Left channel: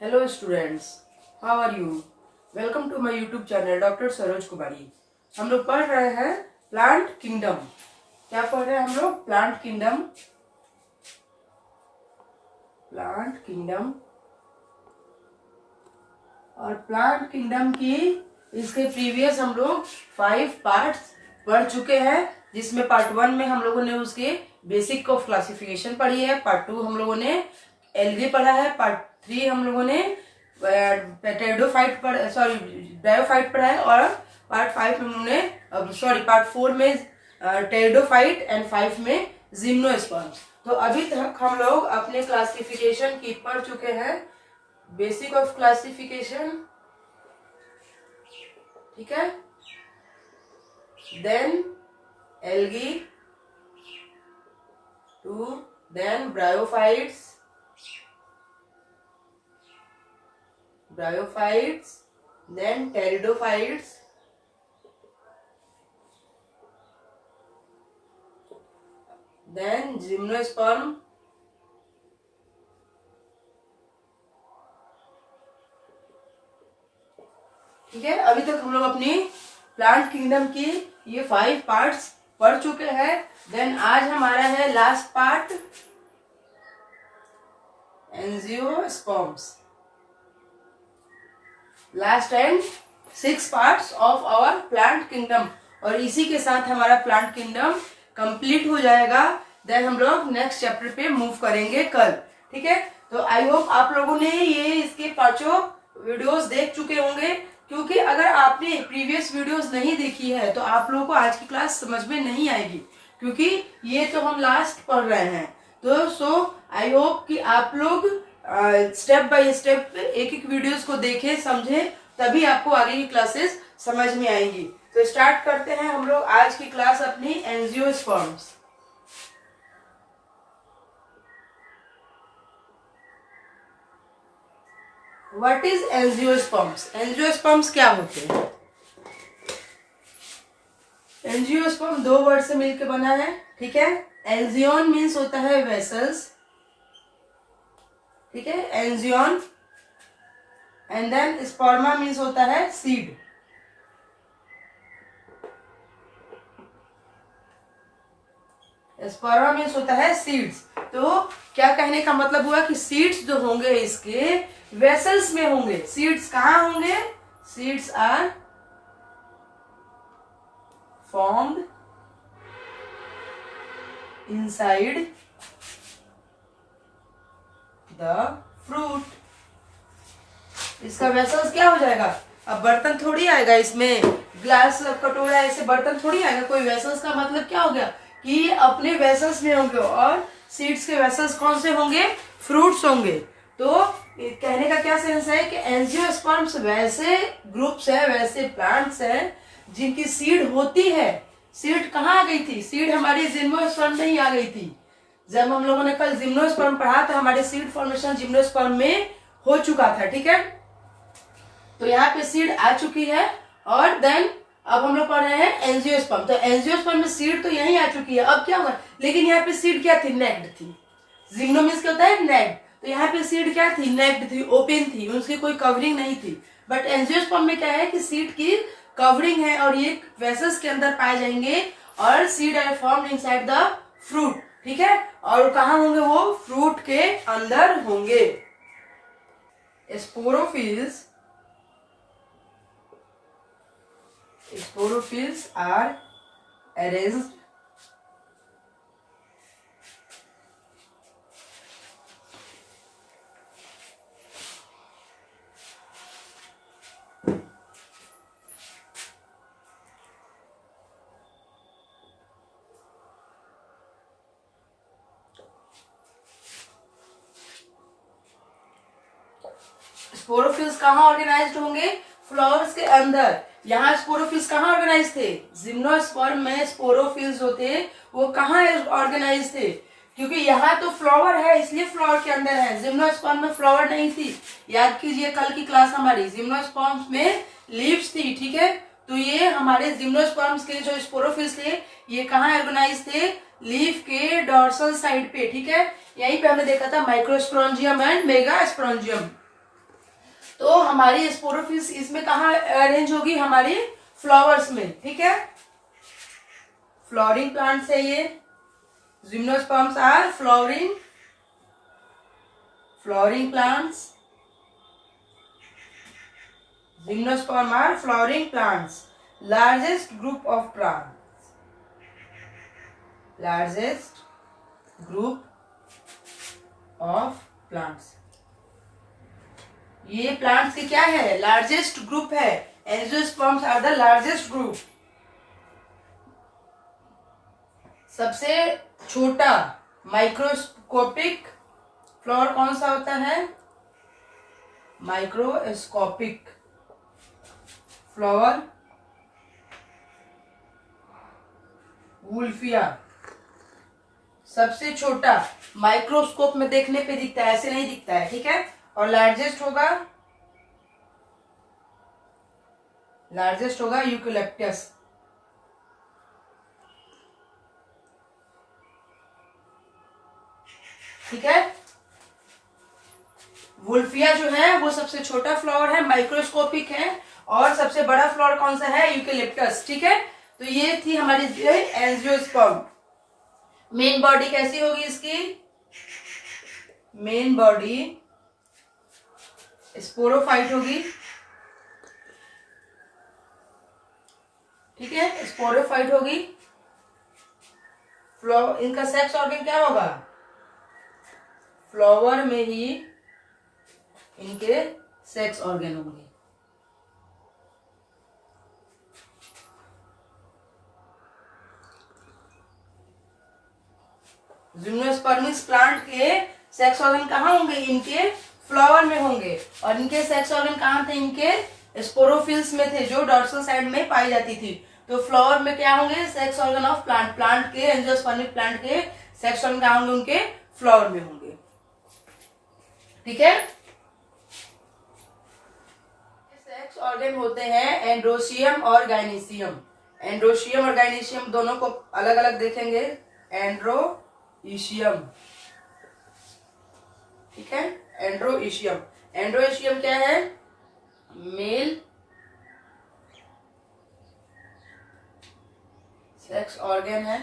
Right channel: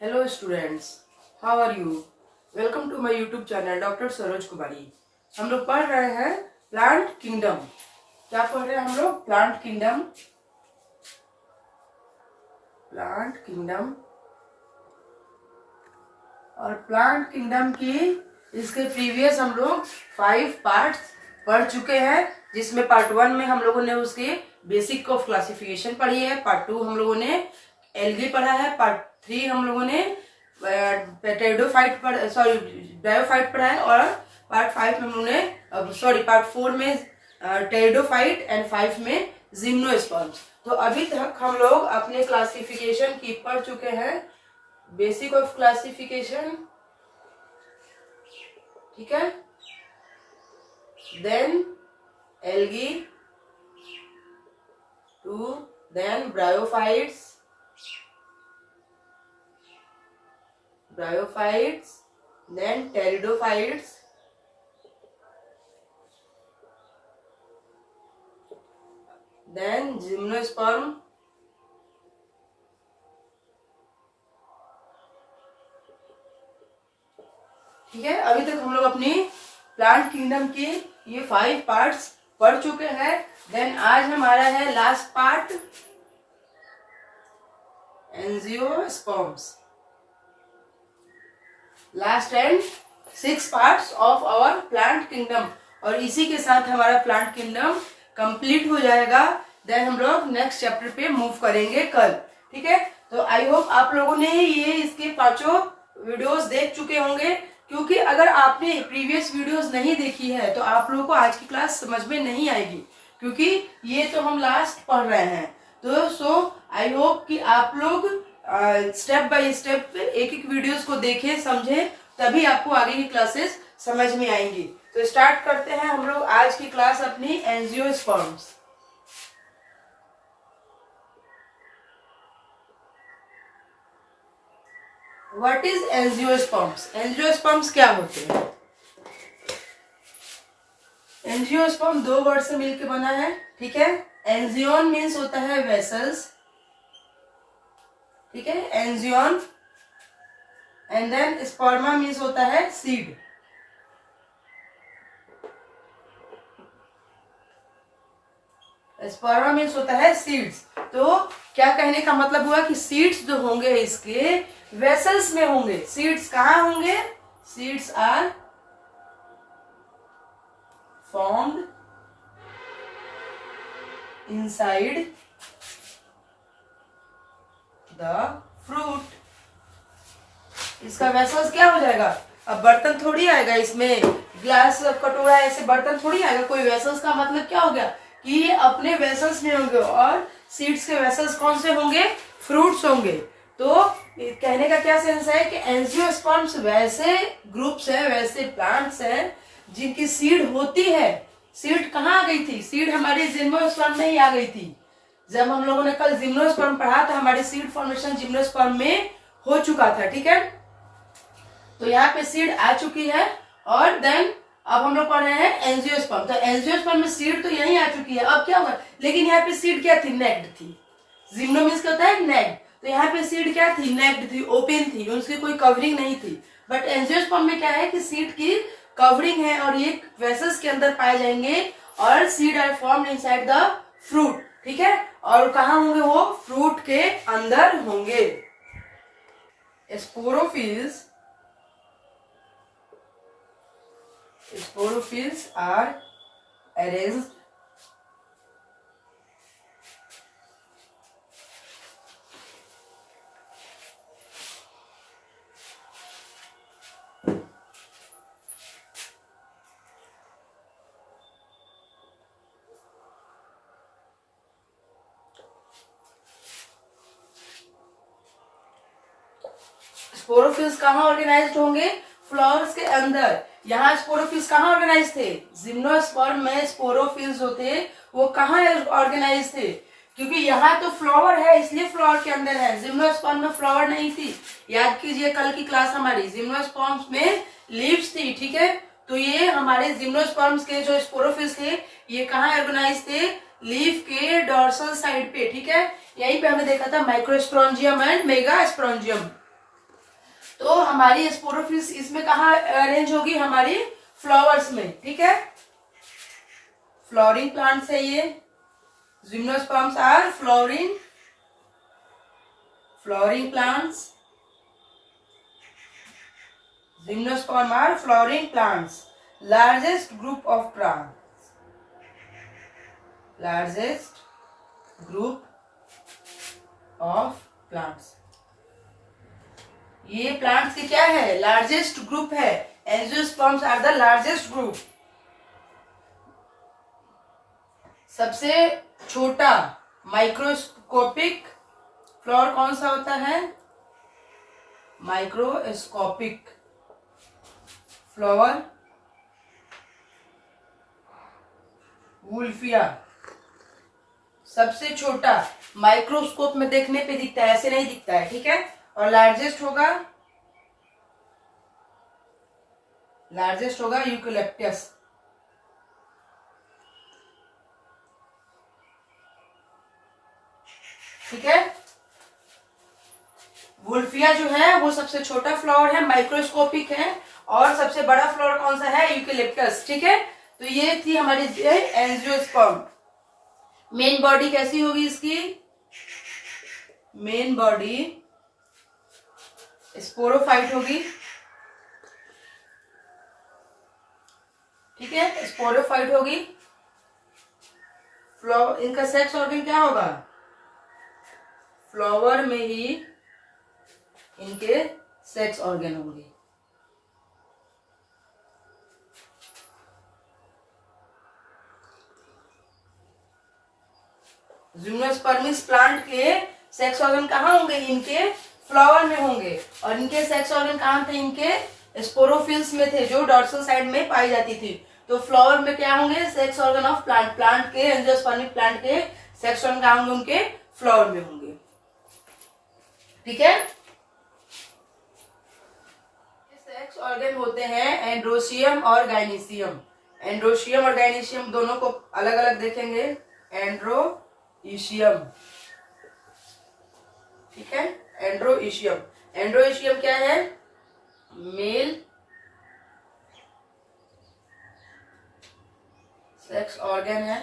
Hello students, how are you? Welcome to my YouTube channel doctor Saroj Kumari. हम लोग पढ़ रहे हैं प्लांट किंगडम। क्या पढ़ रहे हैं हम लोग? Plant kingdom. प्लांट किंगडम और प्लांट किंगडम की इसके प्रीवियस हम लोग 5 पार्ट्स पढ़ चुके हैं, जिसमें पार्ट 1 में हम लोगों ने उसके बेसिक ऑफ क्लासिफिकेशन पढ़ी है, पार्ट 2 हम लोगों ने एल्गी पढ़ा है, पार्ट 3 हम लोगों ने ब्रायोफाइट पढ़ा है और पार्ट 5 हम लोगों ने पार्ट 4 में टेरिडोफाइट एंड 5 में जिम्नोस्पर्म्स। तो अभी तक हम लोग अपने क्लासिफिकेशन की पढ़ चुके हैं, बेसिक ऑफ क्लासिफिकेशन, ठीक है, then algae two, then bryophytes, then pteridophytes, then gymnosperm, ठीक है। अभी तक हम लोग अपनी प्लांट किंगडम की ये 5 पार्ट्स पढ़ चुके हैं। देन आज हमारा है last part, angiosperms, last and 6 parts of our plant kingdom, और इसी के साथ हमारा प्लांट किंगडम कंप्लीट हो जाएगा। देन हम लोग नेक्स्ट चैप्टर पे मूव करेंगे कल, ठीक है। तो आई होप आप लोगों ने ये इसके 5 वीडियोस देख चुके होंगे, क्योंकि अगर आपने प्रीवियस वीडियोस नहीं देखी है तो आप लोगों को आज की क्लास समझ में नहीं आएगी, क्योंकि ये तो हम लास्ट पढ़ रहे हैं। तो आई होप कि आप लोग स्टेप बाय स्टेप एक एक वीडियोस को देखें, समझें, तभी आपको आगे की क्लासेस समझ में आएंगी। तो स्टार्ट करते हैं हम लोग आज की क्लास अपनी angiosperms. What is angiosperms? Angiosperms क्या होते हैं? एंजियोस्पर्म 2 वर्ड से मिलकर बना है, ठीक है। एंजियोन मीन्स होता है वेसल्स, ठीक है, एंजियोन, एंड देन स्पर्मा मीन्स होता है सीड। स्पर्मा मीन्स होता है सीड्स। तो क्या कहने का मतलब हुआ कि सीड्स जो होंगे इसके वेसल्स में होंगे। सीड्स कहाँ होंगे? Seeds are formed inside the fruit. इसका वेसल्स क्या हो जाएगा? अब बर्तन थोड़ी आएगा इसमें, ग्लास कटोरा ऐसे बर्तन थोड़ी आएगा। कोई वेसल्स का मतलब क्या हो गया कि ये अपने वेसल्स में होंगे, और सीड्स के वेसल्स कौन से होंगे? फ्रूट्स होंगे। तो कहने का क्या सेंस है कि एंजियोस्पर्म्स वैसे ग्रुप्स है, वैसे प्लांट्स हैं जिनकी सीड होती है। सीड कहाँ आ गई थी? सीड हमारी जिम्नोस्पर्म में ही आ गई थी। जब हम लोगों ने कल जिम्नोस्पर्म पढ़ा तो हमारे सीड फॉर्मेशन जिम्नोस्पर्म में हो चुका था, ठीक है। तो यहाँ पे सीड आ चुकी है, और देन अब हम लोग पढ़ रहे हैं एंजियोस्पर्म। तो एंजियोस्पर्म में सीड तो यही आ चुकी है। अब क्या हुआ? लेकिन यहाँ पे सीड क्या थी? नेक्ड थी। जिम्नो मीन्स क्या होता है? नेक्ड। तो यहाँ पे सीड क्या थी? नेक्ड थी, ओपन थी, उसकी कोई कवरिंग नहीं थी। बट एंजियोस्पर्म में क्या है कि सीड की कवरिंग है, और ये वेसल्स के अंदर पाए जाएंगे, और seed are formed inside the fruit, ठीक है। और कहाँ होंगे वो? फ्रूट के अंदर होंगे। स्पोरोफिल्स are arranged स्पोरोफिल्स कहाँ ऑर्गेनाइज्ड होंगे? फ्लावर्स के अंदर। यहाँ स्पोरोफिल्स कहाँ ऑर्गेनाइज थे? जिम्नोस्पर्म में स्पोरोफिल्स जो थे वो कहाँ ऑर्गेनाइज थे? क्योंकि यहाँ तो फ्लावर है, इसलिए फ्लावर के अंदर है। जिम्नोस्पर्म में फ्लावर नहीं थी। याद कीजिए कल की क्लास हमारी, जिम्नोस्पर्म में लीव्स थी, ठीक है। तो ये हमारे जिम्नोस्पर्म्स के जो स्पोरोफिल्स थे ये कहाँ ऑर्गेनाइज थे? लीफ के डॉर्सल साइड पे, ठीक है। यहीं पे हमने देखा था माइक्रोस्पोरेंजियम एंड मेगास्पोरेंजियम। तो हमारी स्पोरोफिल्स इसमें कहाँ अरेंज होगी, हमारी फ्लावर्स में, ठीक है। फ्लावरिंग प्लांट्स है ये, gymnosperms are flowering plants, gymnosperm are flowering plants, largest group of plants, largest group of plants। ये प्लांट्स की क्या है, लार्जेस्ट ग्रुप है। Angiosperms are the largest group. सबसे छोटा माइक्रोस्कोपिक फ्लावर कौन सा होता है, माइक्रोस्कोपिक फ्लावर वुल्फिया। सबसे छोटा, माइक्रोस्कोप में देखने पे दिखता है, ऐसे नहीं दिखता है, ठीक है। और लार्जेस्ट होगा यूकेलिप्टस। ठीक है। वुल्फिया जो है वो सबसे छोटा फ्लावर है, माइक्रोस्कोपिक है। और सबसे बड़ा फ्लावर कौन सा है, यूकेलिप्टस, ठीक है। तो ये थी हमारी एंजियोस्पर्म। मेन बॉडी कैसी होगी इसकी, मेन बॉडी स्पोरोफाइट होगी, ठीक है, स्पोरोफाइट होगी। इनका सेक्स ऑर्गन क्या होगा, फ्लावर में ही इनके सेक्स ऑर्गन होंगे। जिम्नोस्पर्मिस प्लांट के सेक्स ऑर्गन कहाँ होंगे, इनके फ्लावर में होंगे। और इनके सेक्स ऑर्गन कहाँ थे, इनके स्पोरोफिल्स में थे, जो डॉर्सल साइड में पाई जाती थी। तो फ्लावर में क्या होंगे, sex organ of plant, plant के एंजियोस्पर्मिक प्लांट के सेक्स ऑर्गन कहाँ होंगे, उनके फ्लावर में होंगे, ठीक है। सेक्स ऑर्गन होते हैं एंड्रोशियम और गाइनीशियम। एंड्रोशियम और गाइनीशियम दोनों को अलग अलग देखेंगे। एंड्रोइशियम, ठीक है, एंड्रोइशियम। एंड्रोइशियम क्या है, मेल सेक्स ऑर्गन है।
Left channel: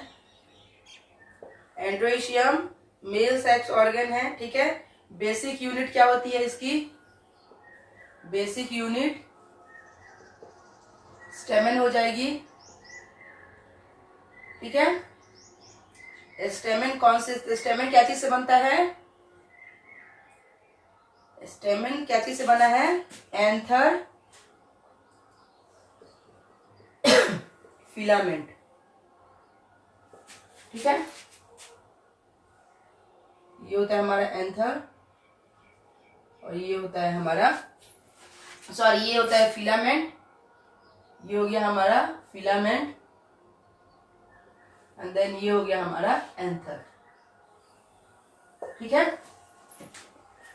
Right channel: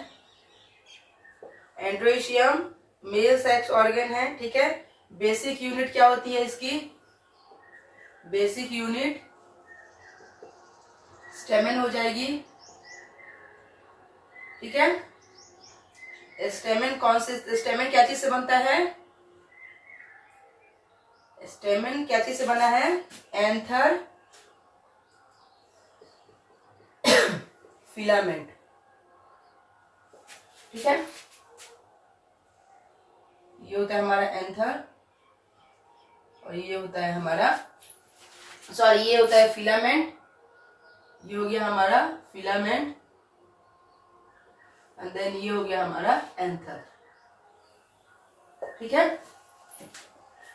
एंड्रोइशियम मेल सेक्स ऑर्गन है, ठीक है। बेसिक यूनिट क्या होती है इसकी, बेसिक यूनिट स्टेमन हो जाएगी, ठीक है। स्टेमन कौन से, स्टेमन क्या चीज से बनता है, स्टेमन क्या चीज से बना है, एंथर फिलामेंट, ठीक है। ये होता है हमारा एंथर और ये होता है हमारा, सॉरी, ये होता है फिलामेंट। ये हो गया हमारा फिलामेंट एंड देन ये हो गया हमारा एंथर, ठीक है।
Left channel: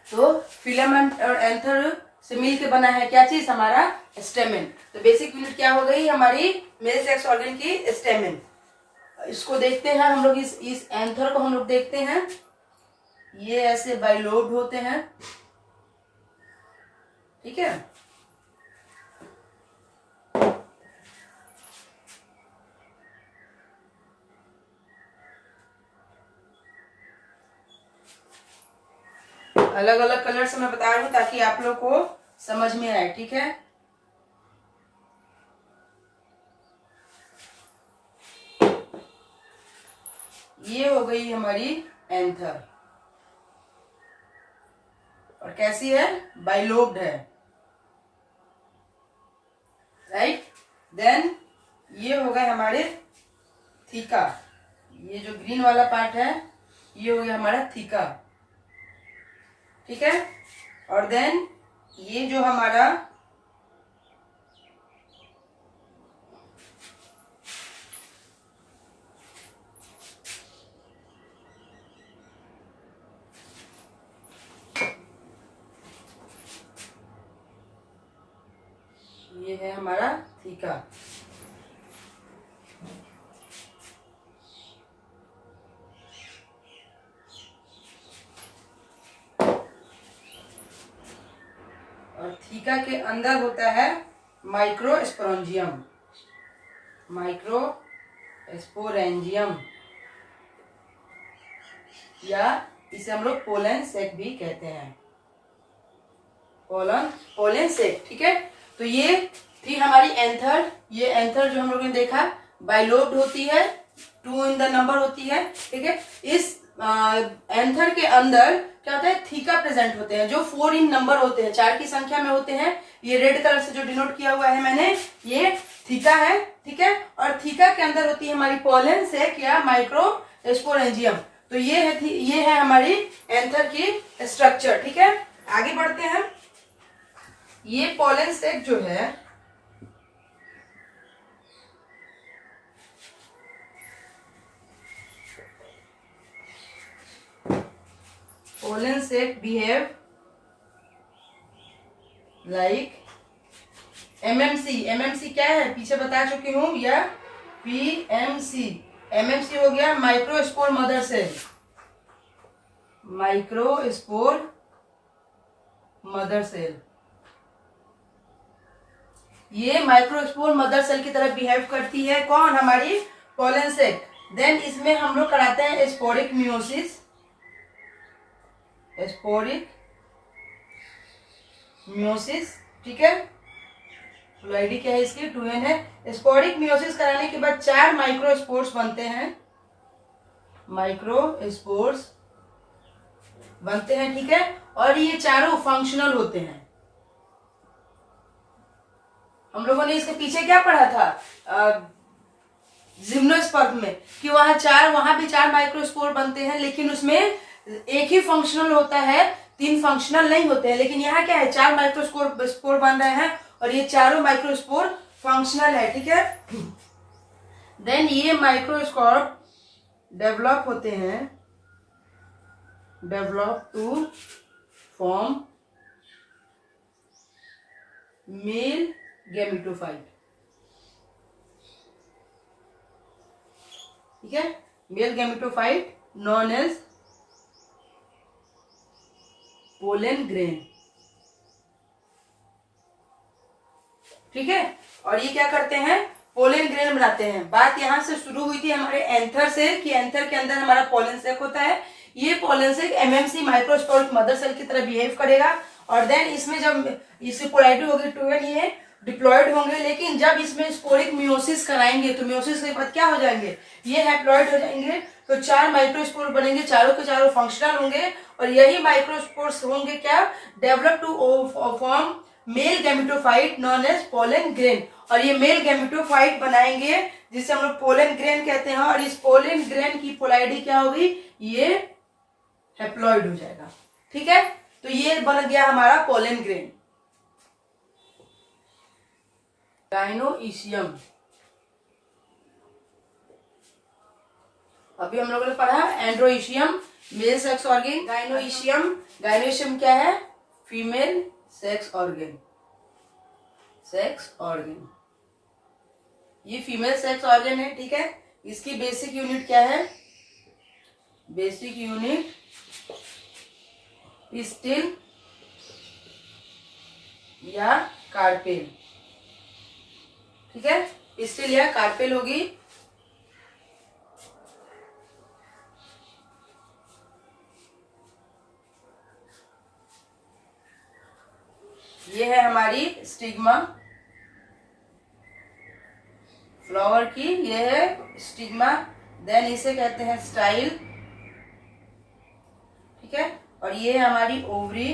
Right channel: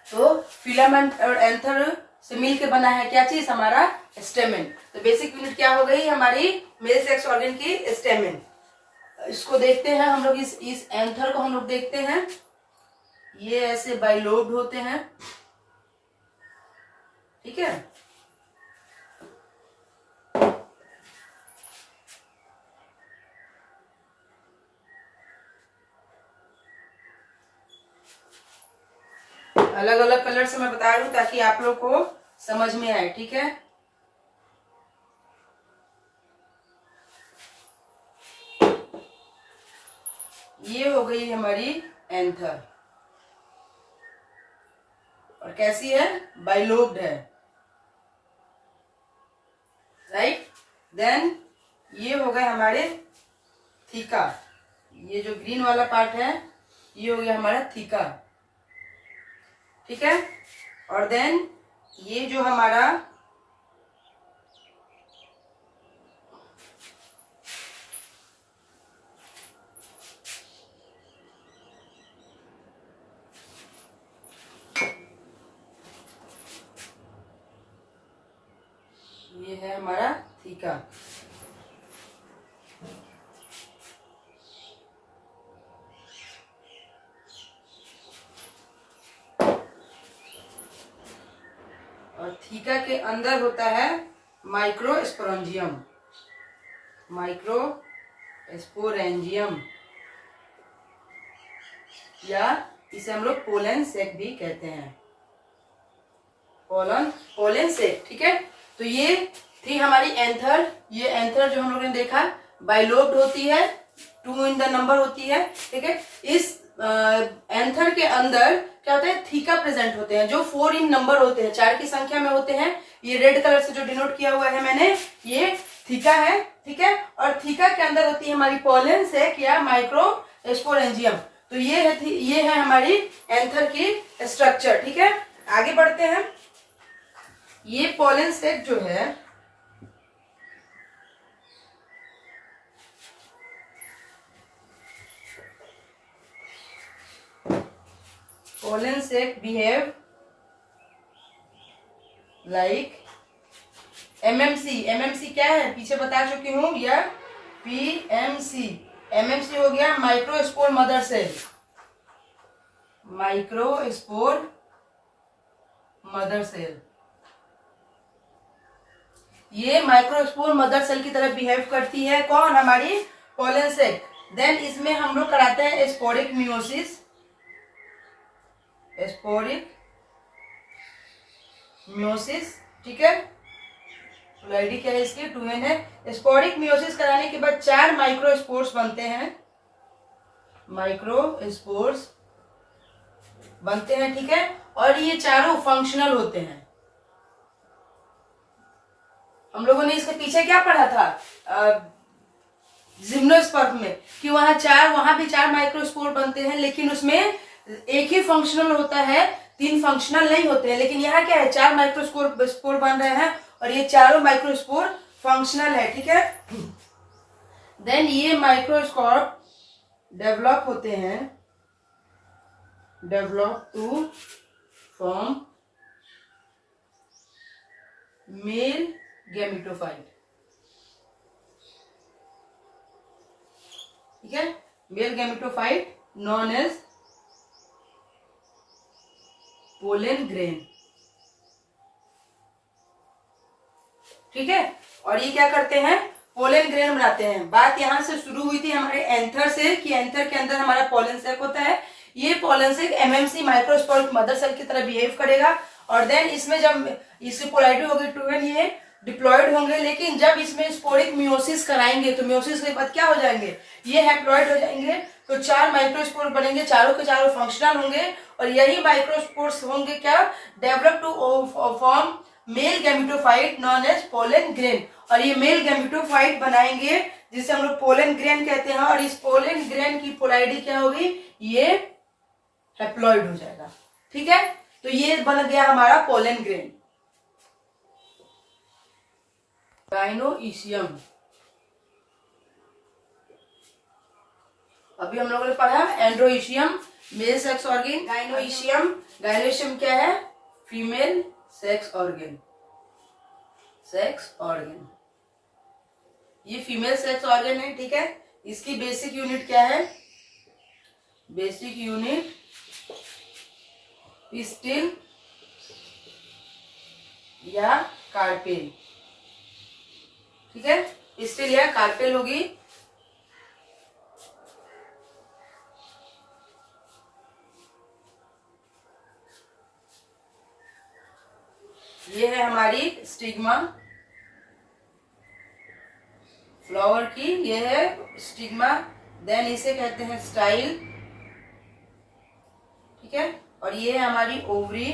तो फिलामेंट और एंथर से मिलकर बना है क्या चीज, हमारा स्टेमन। तो बेसिक यूनिट क्या हो गई हमारी मेल सेक्स ऑर्गन की, स्टेमन। इसको देखते हैं हम लोग, इस एंथर को हम लोग देखते हैं। ये ऐसे बाइलोब्ड होते हैं, ठीक है। अलग अलग कलर से मैं बता रही हूं ताकि आप लोग को समझ में आए, ठीक है। ये हो गई हमारी एंथर और कैसी है, बाइलोब्ड है, राइट। देन ये हो गए हमारे थीका। ये जो ग्रीन वाला पार्ट है ये हो गया हमारा थीका, ठीक है। और देन ये जो हमारा ये है हमारा थीका। और और थीका के अंदर होता है माइक्रोस्पोरेंजियम, माइक्रोस्पोरेंजियम, या इसे हम लोग पोलन सेक भी कहते हैं, पोलन सेक। ठीक है, तो ये थी हमारी एंथर। ये एंथर जो हम लोगों ने देखा बाइलोब्ड होती है, 2 इन द नंबर होती है। ठीक है, इस एंथर के अंदर क्या होता है, थीका प्रेजेंट होते हैं जो 4 इन नंबर होते हैं, 4 की संख्या में होते हैं। ये रेड कलर से जो डिनोट किया हुआ है मैंने, ये थीका है। ठीक है, और थीका के अंदर होती है हमारी पोलन सेक या माइक्रोस्पोरेंजियम। तो ये है हमारी एंथर की स्ट्रक्चर। ठीक है, आगे बढ़ते हैं। ये पोलन सेक जो है पोलन सेक बिहेव लाइक एमएमसी। एमएमसी क्या है, पीछे बता चुकी हूं, या पीएमसी। एमएमसी हो गया microspore mother cell, microspore mother cell. ये माइक्रोस्पोर मदर सेल की तरह बिहेव करती है कौन, हमारी पोलन सेक। देन इसमें हम लोग कराते हैं स्पोरिक मियोसिस, स्पोरिक मियोसिस। ठीक है, आईडी क्या है इसकी, 2n है। स्पोरिक मियोसिस कराने के बाद 4 माइक्रोस्पोर्स बनते हैं, माइक्रोस्पोर्स बनते हैं। ठीक है, और ये चारों फंक्शनल होते हैं। हम लोगों ने इसके पीछे क्या पढ़ा था जिम्नोस्पर्म में, कि वहां भी 4 माइक्रोस्पोर बनते हैं, लेकिन उसमें एक ही फंक्शनल होता है, 3 फंक्शनल नहीं होते हैं। लेकिन यहाँ क्या है, 4 माइक्रोस्पोर बन रहे हैं और ये चारों माइक्रोस्पोर फंक्शनल है। ठीक है, देन ये माइक्रोस्कोप डेवलप होते हैं, develop to form male gametophyte. ठीक है, male gametophyte known as pollen grain. ठीक है, और ये क्या करते हैं, पोलन ग्रेन बनाते हैं। बात यहां से शुरू हुई थी हमारे एंथर से, कि एंथर के अंदर हमारा पोलन सेक होता है। ये पोलन सेक एमएमसी माइक्रोस्पोरिक मदर सेल की तरह बिहेव करेगा, और देन इसमें जब इसकी पोलैरिटी होगी 2n, ये डिप्लॉयड होंगे। लेकिन जब इसमें स्पोरिक मियोसिस कराएंगे तो मियोसिस के बाद क्या हो जाएंगे, ये हैप्लॉइड हो जाएंगे। तो 4 माइक्रोस्पोर बनेंगे, चारों के चारों फंक्शनल होंगे, और यही माइक्रोस्पोर्स होंगे क्या, develop to form male gametophyte known as pollen grain. और ये मेल गैमेटोफाइट बनाएंगे जिसे हम लोग पोलन ग्रेन कहते हैं। और इस पोलन ग्रेन की पोलैरिटी क्या होगी, ये हैप्लॉइड हो जाएगा। ठीक है, तो ये बन गया हमारा पोलन ग्रेन। गाइनोइशियम, अभी हम लोगों ने पढ़ा एंड्रोइशियम मेल सेक्स ऑर्गन, गाइनोइशियम क्या है, female sex organ, sex organ. ये फीमेल सेक्स ऑर्गन है। ठीक है, इसकी बेसिक यूनिट क्या है, बेसिक यूनिट पिस्टिल या कार्पेल। ठीक है, पिस्टिल या कार्पेल होगी। ये है हमारी स्टिग्मा, फ्लावर की ये है स्टिग्मा। देन इसे कहते हैं स्टाइल। ठीक है, और ये है हमारी ओवरी।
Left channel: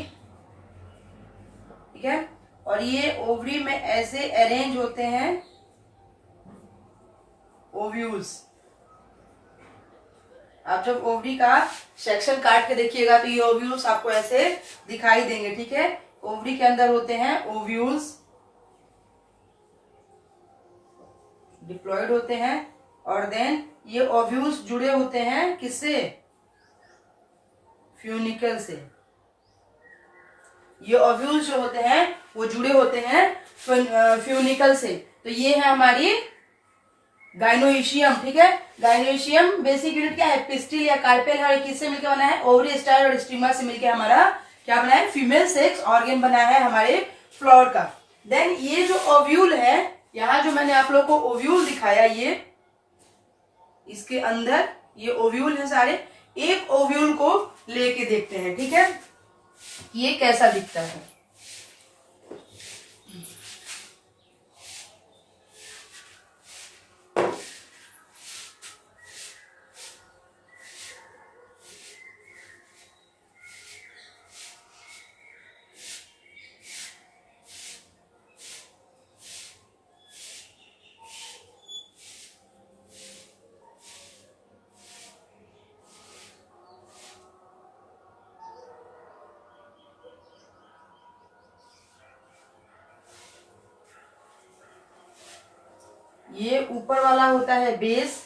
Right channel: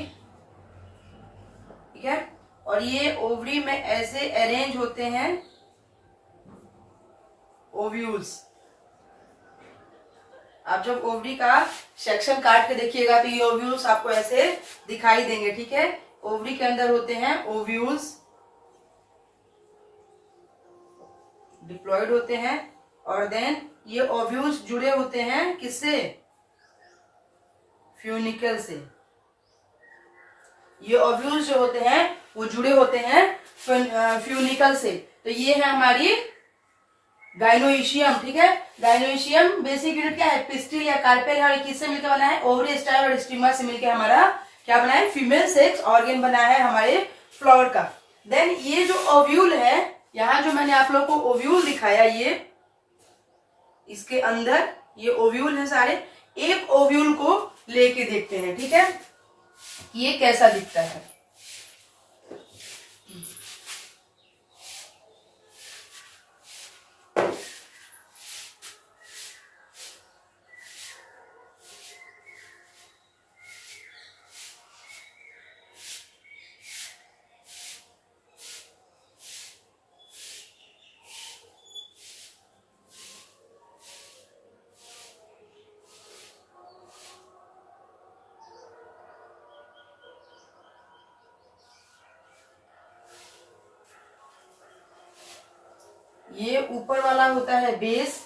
ठीक है, और ये ओवरी में ऐसे अरेंज होते हैं ओव्यूल्स। आप जब ओवरी का सेक्शन काट के देखिएगा तो ये ओव्यूल्स आपको ऐसे दिखाई देंगे। ठीक है, ओवरी के अंदर होते हैं ओव्यूल्स, डिप्लॉयड होते हैं, और देन ये ओव्यूल्स जुड़े होते हैं किससे, फ्यूनिकल से। ये ओव्यूल्स जो होते हैं वो जुड़े होते हैं फ्यूनिकल से। तो ये है हमारी गाइनोइशियम। ठीक है, गाइनोइशियम बेसिक यूनिट क्या है, पिस्टिल या कार्पेल है। किससे मिलकर बना है, ओवरी, स्टाइल और स्टिग्मा से मिलकर हमारा क्या बना है, फीमेल सेक्स ऑर्गन बना है हमारे फ्लावर का। देन ये जो ओव्यूल है, यहाँ जो मैंने आप लोग को ओव्यूल दिखाया, ये इसके अंदर ये ओव्यूल है सारे। एक ओव्यूल को लेके देखते हैं, ठीक है, ये कैसा दिखता है। ये ऊपर वाला होता है बेस,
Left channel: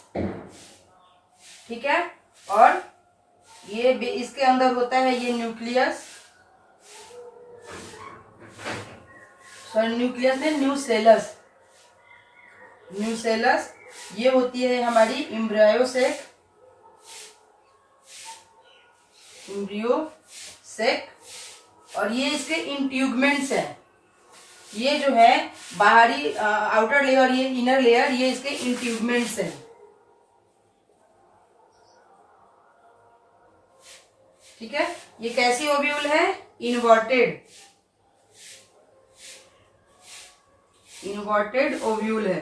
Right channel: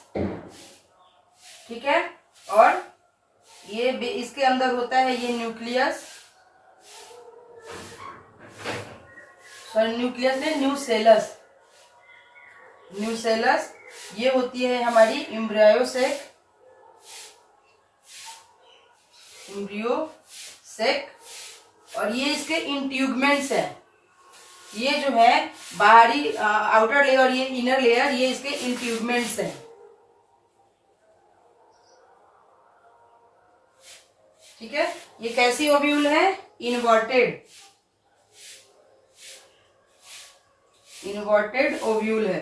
ठीक है, और ये इसके अंदर होता है ये न्यूक्लियस, सॉरी न्यूक्लियस में न्यूसेलस, न्यूसेलस। ये होती है हमारी एम्ब्रियोसेक, एम्ब्रियोसेक, और ये इसके इंट्यूबमेंट्स हैं। ये जो है बाहरी आउटर लेयर, ये इनर लेयर, ये इसके इंट्यूबमेंट्स हैं, ठीक है। ये कैसी ओव्यूल है, इन्वर्टेड, इन्वर्टेड ओव्यूल है,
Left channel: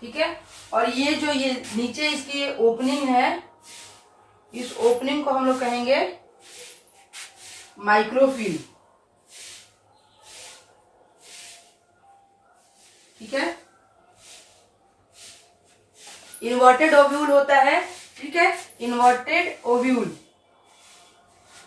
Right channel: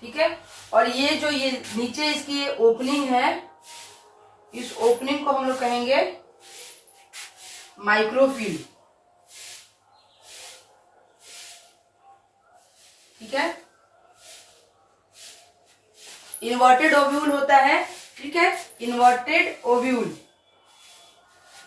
ठीक है। और ये जो ये नीचे इसकी ओपनिंग है, इस ओपनिंग को हम लोग कहेंगे माइक्रोफिल, ठीक है। इन्वर्टेड ओव्यूल होता है, ठीक है, इन्वर्टेड ओव्यूल,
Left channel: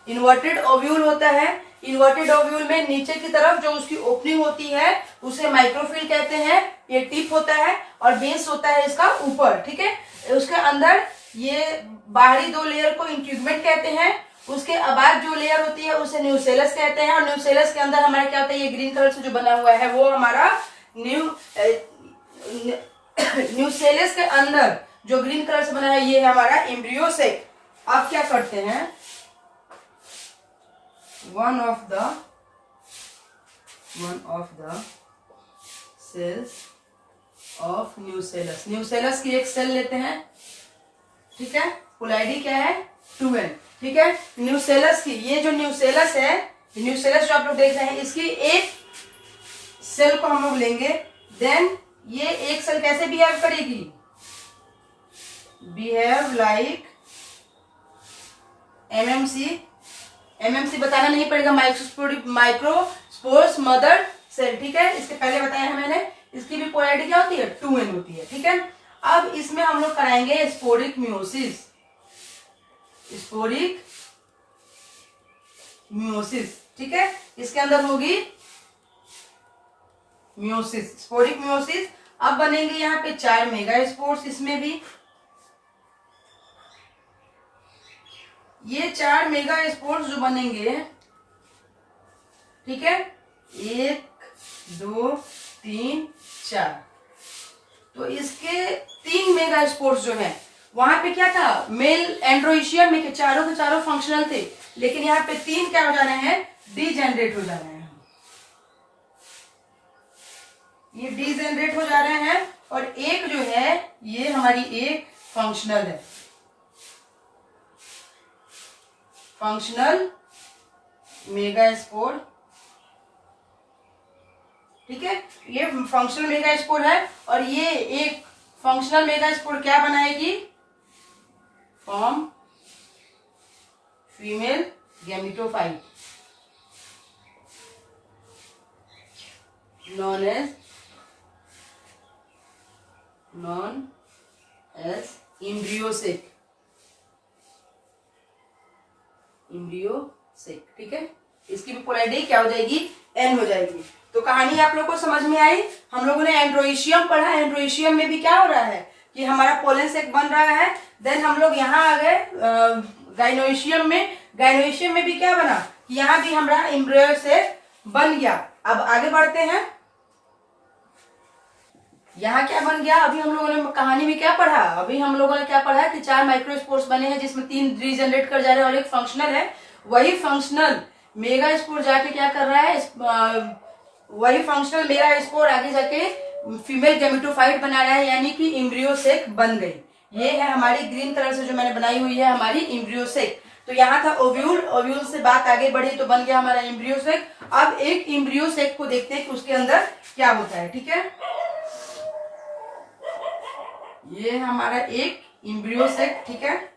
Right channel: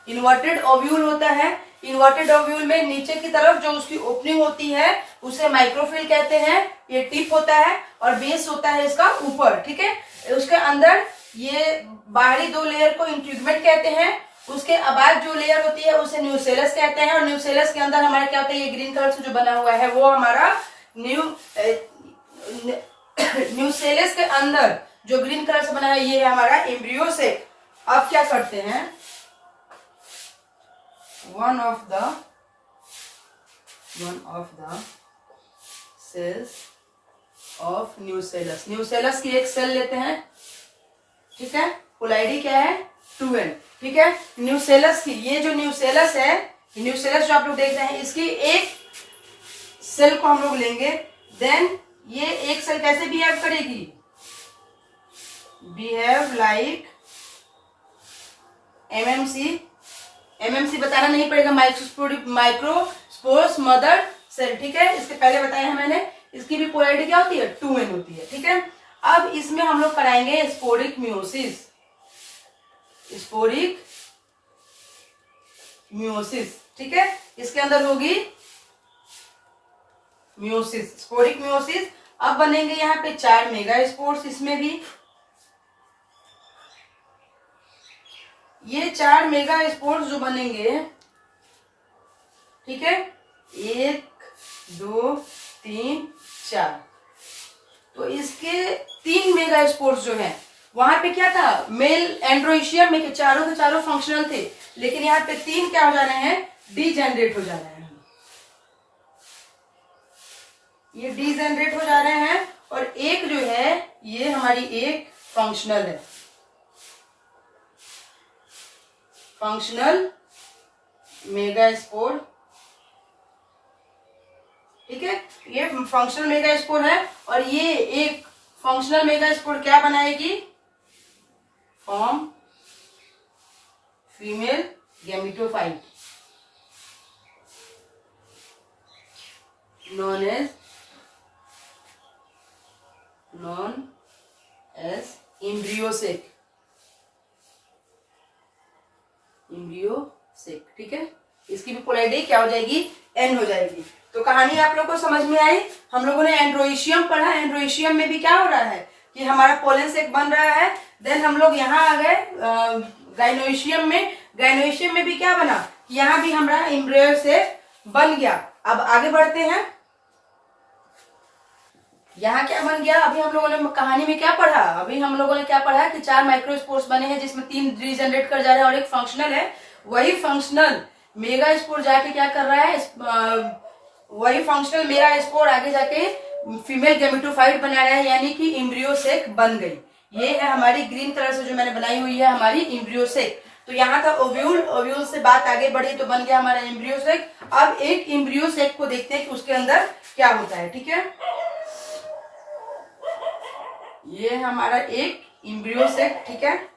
इन्वर्टेड ओव्यूल होता है। इन्वर्टेड ओव्यूल में नीचे की तरफ जो उसकी ओपनिंग होती है उसे माइक्रोफिल कहते हैं, ये टिप होता है, और बेस होता है इसका ऊपर, ठीक है। उसके अंदर ये बाहरी दो लेयर को इंट्यूबमेंट कहते हैं, उसके बाद जो लेयर होती है उसे न्यूसेलस कहते हैं, और न्यूसेलस के अंदर हमारा क्या होता है, ये ग्रीन कलर से जो बना हुआ है वो हमारा न्यूसेलस के अंदर जो ग्रीन कलर से बना है ये है हमारा एम्ब्रियोसेक। अब क्या करते हैं, one of the cells of nucellus, nucellus की एक सेल लेते हैं, ठीक है, फुल आईडी क्या है 2n, ठीक है। न्यूसेलस की ये जो न्यूसेलस है, न्यूसेलस जो आप लोग देख रहे हैं, इसकी एक सेल को हम लोग लेंगे। देन ये एक सेल कैसे बिहेव करेगी, बिहेव लाइक एमएमसी, एमएमसी बताना नहीं पड़ेगा, माइक्रोस्पोर्स मदर सेल, ठीक है। इसके पहले बताया है मैंने, इसकी भी पोलैरिटी क्या होती है 2n होती है, ठीक है। अब इसमें हम लोग कराएंगे स्पोरिक मियोसिस, स्पोरिक मियोसिस, ठीक है। इसके अंदर होगी मियोसिस, स्पोरिक मियोसिस। अब बनेंगे यहाँ पे 4 मेगा स्पोर्स, इसमें भी ये 4 मेगा स्पोर्स जो बनेंगे, ठीक है, 1 2 3 4, तो इसके 3 मेगा स्पोर्स जो है, वहां पे क्या था, मेल एंड्रोइशियम में के चारों फंक्शनल थे, लेकिन यहाँ पे 3 क्या हो जा रहे हैं, डीजेनरेट हो जा रहे हैं, ये डीजेनरेट हो जा रहे हैं, और एक जो है ये हमारी एक फंक्शनल है, फंक्शनल मेगा स्पोर, ठीक है। ये फंक्शनल मेगा स्पोर है, और ये एक फंक्शनल मेगा स्पोर क्या बनाएगी, form female gametophyte known as embryo sac, embryo sac, ठीक है। इसकी भी पोलैरिटी क्या हो जाएगी, n हो जाएगी। तो कहानी आप लोगों को समझ में आई। हम लोगों ने एंड्रोइशियम पढ़ा, एंड्रोइशियम में भी क्या हो रहा है कि हमारा पोलन सेक बन रहा है। देन हम लोग यहाँ आ गए गाइनोइशियम में, गाइनोइशियम में भी क्या बना, यहाँ भी हमारा एम्ब्रियोसेक बन गया। अब आगे बढ़ते हैं, यहाँ क्या बन गया, अभी हम लोगों ने कहानी में क्या पढ़ा, अभी हम लोगों ने क्या पढ़ा कि 4 माइक्रोस्पोर्स बने हैं जिसमें 3 रीजनरेट कर जा रहे हैं और एक फंक्शनल है। वही फंक्शनल मेगा स्पोर जाके क्या कर रहा है, वही फंक्शनल मेगा स्पोर आगे जाके फीमेल गैमेटोफाइट बना रहा है, यानी कि एम्ब्रियो सेक बन गई। ये है हमारी ग्रीन कलर से जो मैंने बनाई हुई है हमारी एम्ब्रियो सेक। तो यहाँ था ओव्यूल, ओव्यूल से बात आगे बढ़ी तो बन गया हमारा एम्ब्रियो सेक। अब एक एम्ब्रियो सेक को देखते हैं कि उसके अंदर क्या होता है। ठीक है, ये है हमारा एक एम्ब्रियो सेक। ठीक है,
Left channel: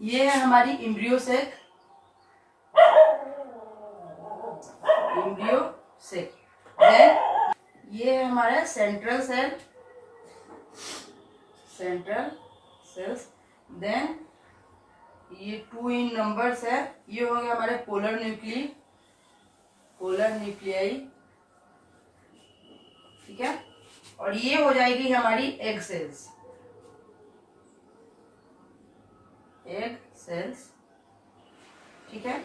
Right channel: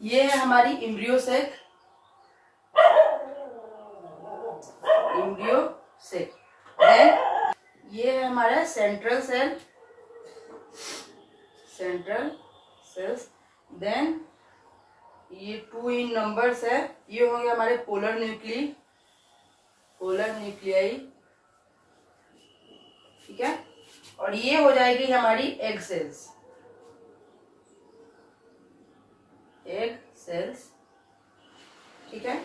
ये है हमारी embryo sac, embryo sac. Then ये है हमारा central cell, central cells. Then ये 2 इन नंबर्स है, ये हो गए हमारे पोलर न्यूक्ली, पोलर न्यूक्लियाई। ठीक है, और ये हो जाएगी हमारी एग सेल्स, एग सेल्स। ठीक है,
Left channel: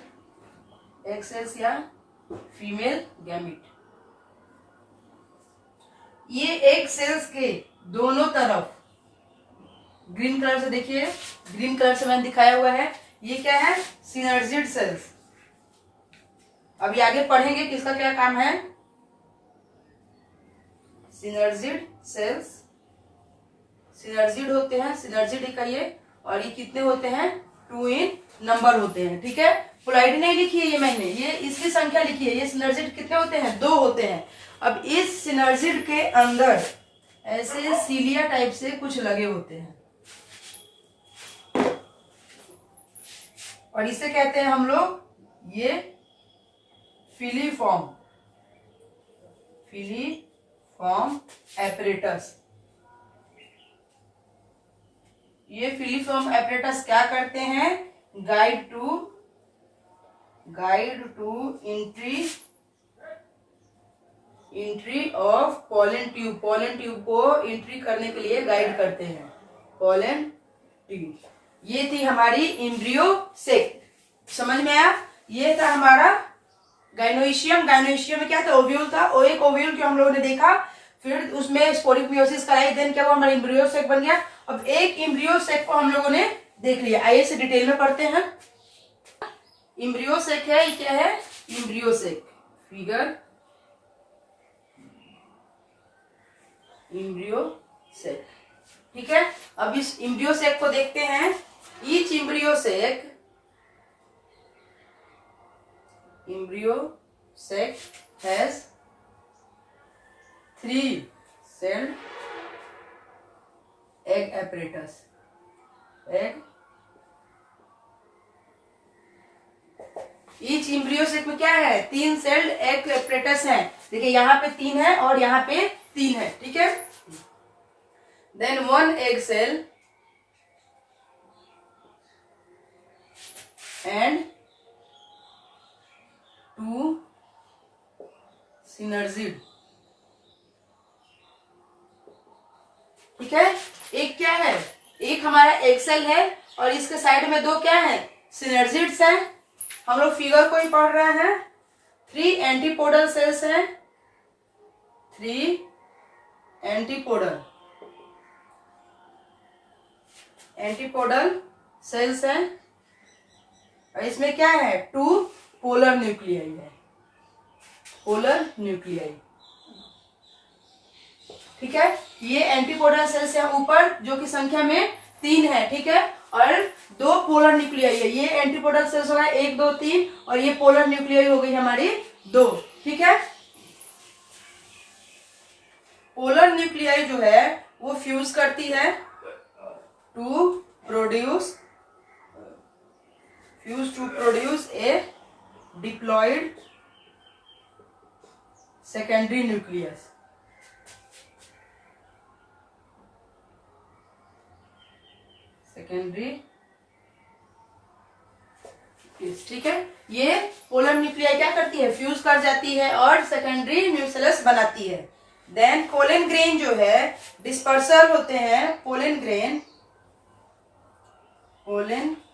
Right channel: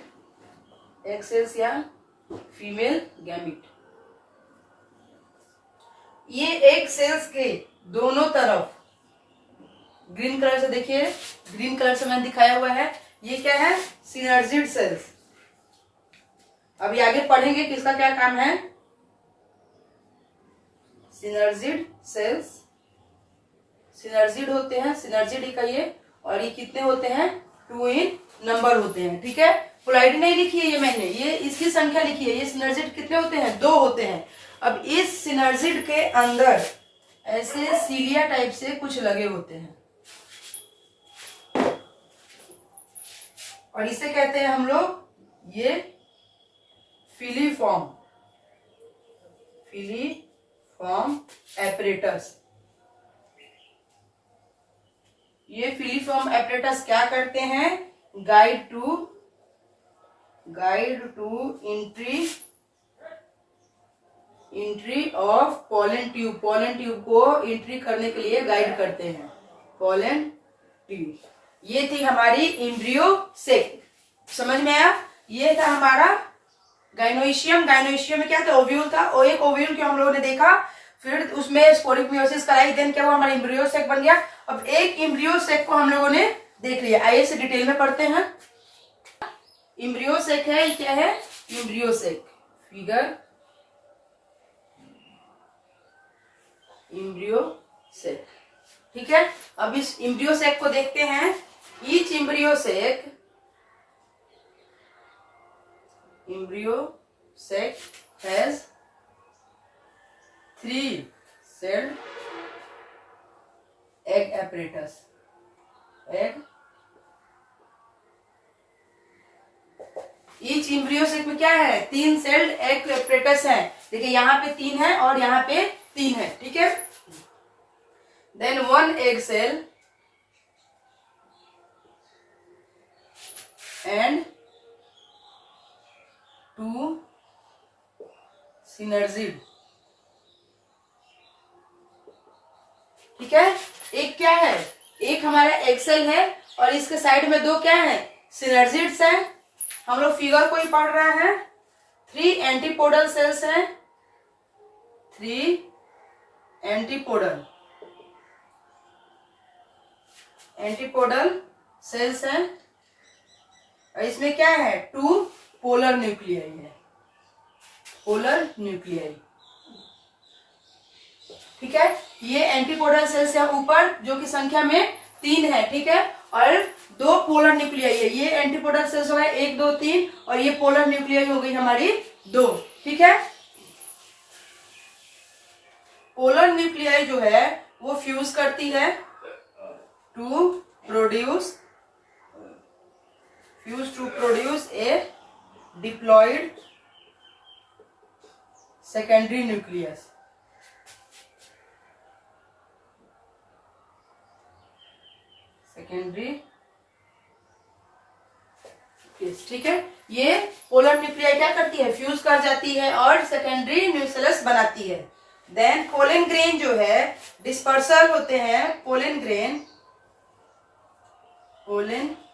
एग सेल्स या फीमेल गैमिट। ये एग सेल्स के दोनों तरफ ग्रीन कलर से देखिए, ग्रीन कलर से मैंने दिखाया हुआ है, ये क्या है, सिनर्जिड सेल्स। अभी आगे पढ़ेंगे कि इसका क्या काम है। सिनर्जिड सेल्स, सिनर्जिड होते हैं, सिनर्जिड इकाइए, और ये कितने होते हैं, 2 इन नंबर होते हैं। ठीक है, पोलैरिटी नहीं लिखी है ये मैंने, ये इसकी संख्या लिखी है। ये सिनर्जिड कितने होते हैं, 2 होते हैं। अब इस सिनर्जिड के अंदर ऐसे सीलिया टाइप से कुछ लगे होते हैं, और इसे कहते हैं हम लोग ये फिलीफॉर्म, फिलीफॉर्म एपरेटस। ये फिलीफॉर्म एपरेटस क्या करते हैं, guide to entry of pollen tube, pollen tube को एंट्री करने के लिए गाइड करते हैं, पोलन ट्यूब। ये थी हमारी एम्ब्रियो सेक, समझ में आया। ये था हमारा गाइनोइशियम, गाइनोइशियम में क्या था, ओव्यूल था। और एक ओव्यूल को हम लोगों ने देखा, फिर उसमें स्पोरिक मियोसिस कराई, देन क्या हुआ, हमारा एम्ब्रियो सेक बन गया। अब एक एम्ब्रियो सेक को हम लोगों ने देख लिया, आइए इसे डिटेल में पढ़ते हैं। एम्ब्रियो सेक है, ये क्या है, embryo sac, figure embryo sac. ठीक है, अब इस एम्ब्रियो सेक को देखते हैं। Each embryo sac has 3 sailed egg apparatus, egg. Each embryo sac में क्या है, 3 सेल्ड एग apparatus है। देखिए यहाँ पे 3 है और यहाँ पे 3 है। ठीक है, then 1 egg cell and 2 synergid। ठीक है, एक क्या है, एक हमारा एग सेल है और इसके साइड में 2 क्या है, सिनर्जिड्स हैं। हम लोग फिगर को ही पढ़ रहे हैं। 3 एंटीपोडल सेल्स हैं, 3 एंटीपोडल सेल्स हैं, और इसमें क्या है, 2 पोलर न्यूक्लियाई है, पोलर न्यूक्लियाई। ठीक है, ये एंटीपोडल सेल्स है ऊपर, जो कि संख्या में 3 है। ठीक है, और 2 पोलर न्यूक्लियाई है। ये एंटीपोडल सेल्स हो गए 1 2 3, और ये पोलर न्यूक्लियाई हो गई हमारी 2। ठीक है, पोलर न्यूक्लियाई जो है वो फ्यूज करती है to produce a diploid secondary nucleus. ठीक है, ये पोलर न्यूक्लियाई क्या करती है, फ्यूज कर जाती है और सेकेंडरी न्यूक्लियस बनाती है। देन पोलन ग्रेन जो है डिस्पर्सल होते हैं, pollen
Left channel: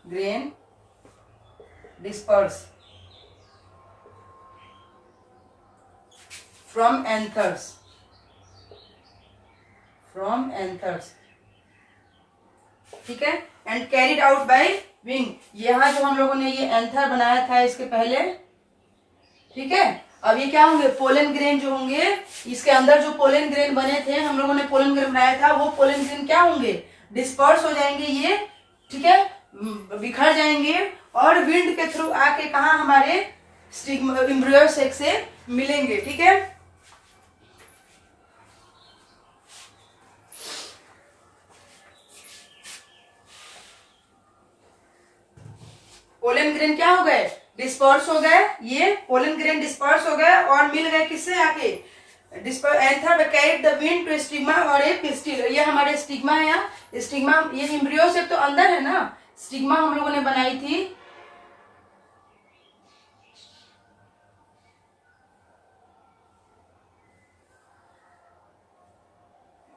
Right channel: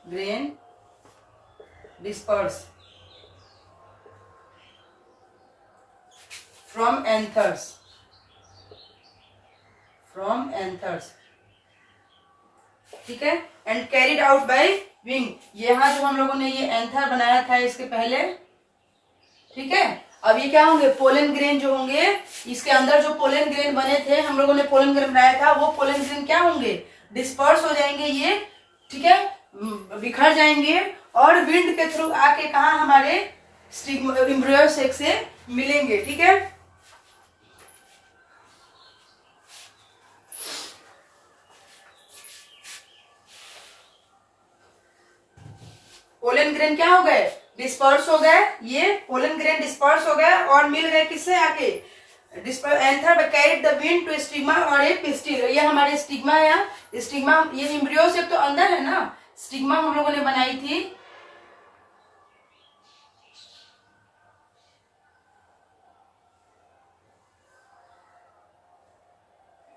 grain disperse from anthers, ठीक है, and carried out by wing. यहां जो हम लोगों ने ये एंथर बनाया था इसके पहले, ठीक है, अब ये क्या होंगे, पोलन ग्रेन जो होंगे, इसके अंदर जो पोलन ग्रेन बने थे, हम लोगों ने पोलन ग्रेन बनाया था, वो पोलन ग्रेन क्या होंगे, डिस्पर्स हो जाएंगे ये, ठीक है, बिखर जाएंगे और विंड के थ्रू आके कहा हमारे एम्ब्रियो सेक से मिलेंगे, ठीक है। पोलन ग्रेन क्या हो गए, डिस्पर्स हो गए, ये पोलन ग्रेन डिस्पर्स हो गए और मिल गए किससे आके, anther carried the wind to stigma और ए पिस्टिल। ये हमारे स्टिग्मा है, यहाँ स्टिग्मा, ये एम्ब्रियो से तो अंदर है ना, स्टिग्मा हम लोगों ने बनाई थी,